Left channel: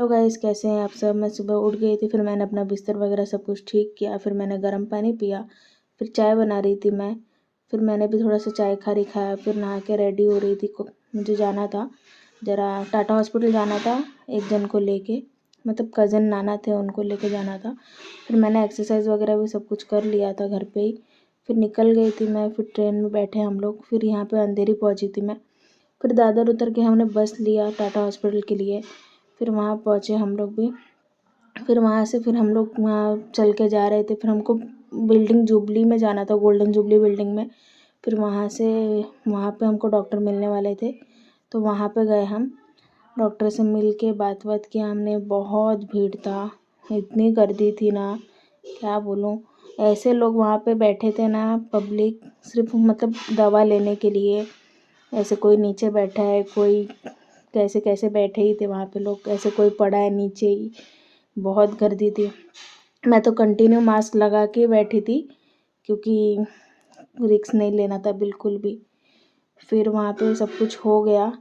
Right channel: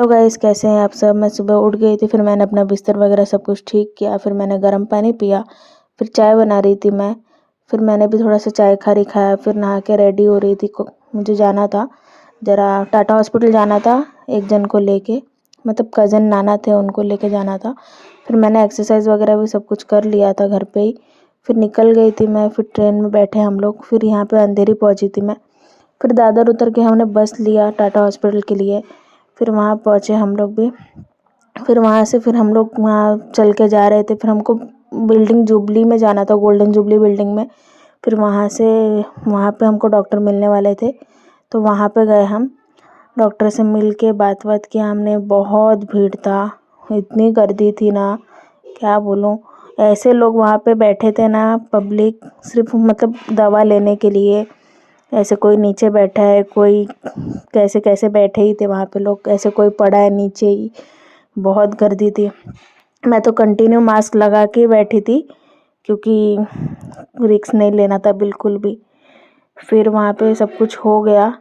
Hello guys, कैसे हैं आप सब। मैं सुबह उठ गई थी, फिर मैंने अपना बिस्तर वगैरह सब कुछ ठीक किया, फिर मैंने गर्म पानी पिया, फिर चाय बना रही थी मैं। फिर मैंने भी थोड़ा सा चाय खाया, फिर नहा के रेडी हो रही थी मुझे जाना था ज़रा टाटा हॉस्पिटल जाना था, एक जन को लेके, मतलब कज़न नाना थे, उनको लेके जाना था। फिर मैंने एक्सरसाइज वगैरह भी सब कुछ कर लिया था घर पे ही। फिर निकल गई थी मैं, फिर ट्रेन में बैठे हम लोग, फिर यहाँ पे अंधेरी पहुँची थी मैं। फिर दादर उतर के हमने बस लिया टाटा हॉस्पिटल के लिए। फिर वहाँ पहुँचे हम लोग भी। फिर वहाँ से फिर हम लोग वहाँ चल के जा रहे थे, फिर हमको बिल्डिंग जुबली में जाना था, गोल्डन जुबली बिल्डिंग में। फिर वहाँ से वहाँ पे हमको डॉक्टर मिलने वाले थे, तो वहाँ पे गए हम। डॉक्टर से मिल के बात किया हमने। बहुत भीड़ था, इतनी गर्दी थी ना, क्या बोलूँ। ऐसे लोग वहाँ पे बैठे थे ना, पब्लिक, सिर्फ मतलब दवा लेने के लिए। ऐसे कोई नीचे बैठा है, कोई कैसे कैसे बैठे ही थे वहाँ पे लोग, ऐसे कोई पड़ा है नीचे ही। बहुत गर्दी थी। मैं तो कंटिन्यू मास्क लगा के बैठी थी, क्योंकि रिस्क नहीं लेना था बिल्कुल भी। फिर वहाँ पे सब कुछ हो गया,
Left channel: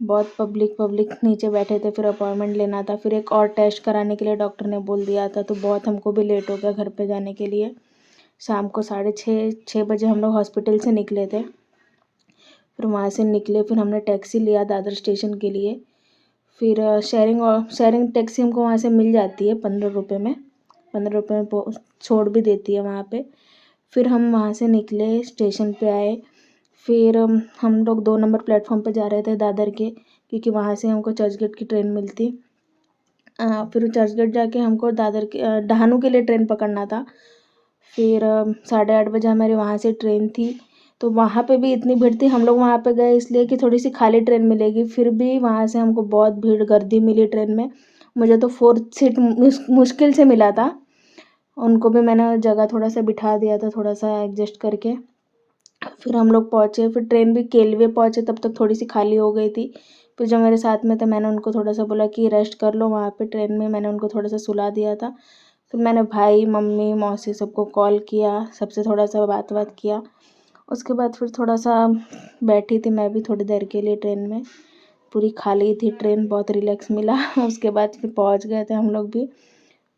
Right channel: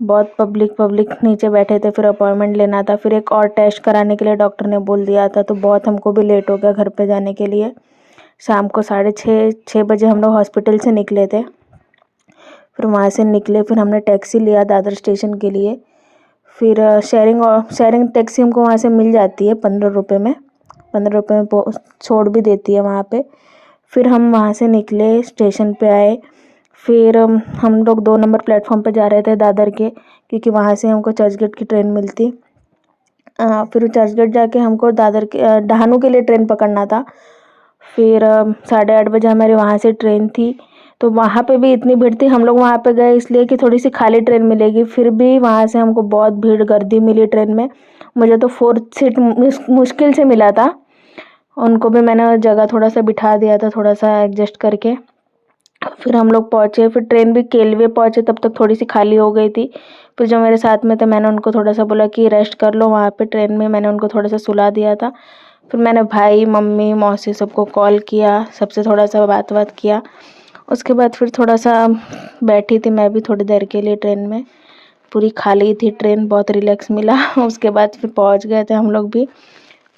बहुत पब्लिक नीचे बैठे थे। फिर अपॉइंटमेंट लेना था, फिर एक और टेस्ट कराने के लिए डॉक्टर ने बोल दिया था, तो बहुत हमको भी लेट हो गया घर पे जाने के लिए। शाम को 6:30 बजे हम लोग हॉस्पिटल से निकले थे। फिर वहाँ से निकले, फिर हमने टैक्सी लिया दादर स्टेशन के लिए। फिर शेयरिंग टैक्सी हमको वहाँ से मिल जाती है 15 रुपये में, 15 रुपये में छोड़ भी देती है वहाँ पे। फिर हम वहाँ से निकले, स्टेशन पे आए। फिर हम लोग 2 नंबर प्लेटफॉर्म पे जा रहे थे दादर के, क्योंकि वहाँ से हमको चर्चगेट की ट्रेन मिलती। फिर चर्चगेट जाके हमको दादर के डहानू के लिए ट्रेन पकड़ना था। फिर 8:30 बजे हमारी वहाँ से ट्रेन थी, तो वहाँ पे भी इतनी भीड़ थी। हम लोग वहाँ पे गए इसलिए कि थोड़ी सी खाली ट्रेन मिलेगी, फिर भी वहाँ से हमको बहुत भीड़ गर्दी मिली ट्रेन में। मुझे तो 4th सीट मुश्किल से मिला था। उनको भी मैंने जगह थोड़ा सा बिठा दिया था, थोड़ा सा एडजस्ट करके। फिर हम लोग पहुँचे, फिर ट्रेन भी केलवे पहुँचे, तब तक थोड़ी सी खाली हो गई थी। फिर जो मेरे साथ में थे, मैंने उनको थोड़ा सा बोला कि रेस्ट कर लो वहाँ पे ट्रेन में, मैंने उनको थोड़ा सा सुला दिया था। फिर मैंने भाई, मम्मी, मौसी सबको कॉल किया, सबसे थोड़ा सा बात किया। उसके बाद फिर थोड़ा सा बैठी थी मैं भी थोड़ी देर के लिए ट्रेन में। पूरी खाली थी ट्रेन, बहुत रिलैक्स मिला। उसके बाद फिर पहुंच गए थे हम लोग भी।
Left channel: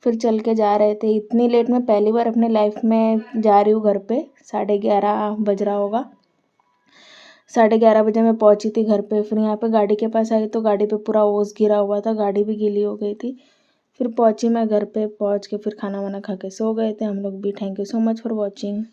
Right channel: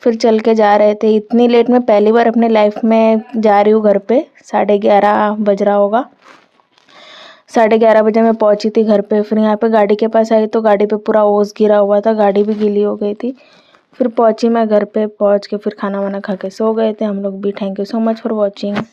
फिर चल के जा रहे थे। इतनी लेट मैं पहली बार अपने लाइफ में जा रही हूँ घर पे। 11:30 बज रहा होगा। 11:30 बजे मैं पहुंची थी घर पे। फिर यहाँ पे गाड़ी के पास आई, तो गाड़ी पे पूरा ओस गिरा हुआ था, गाड़ी भी गीली हो गई थी। फिर पहुंची मैं घर पे, पहुंच के फिर खाना वाना खा के सो गए थे हम लोग भी। Thank you so much for watching.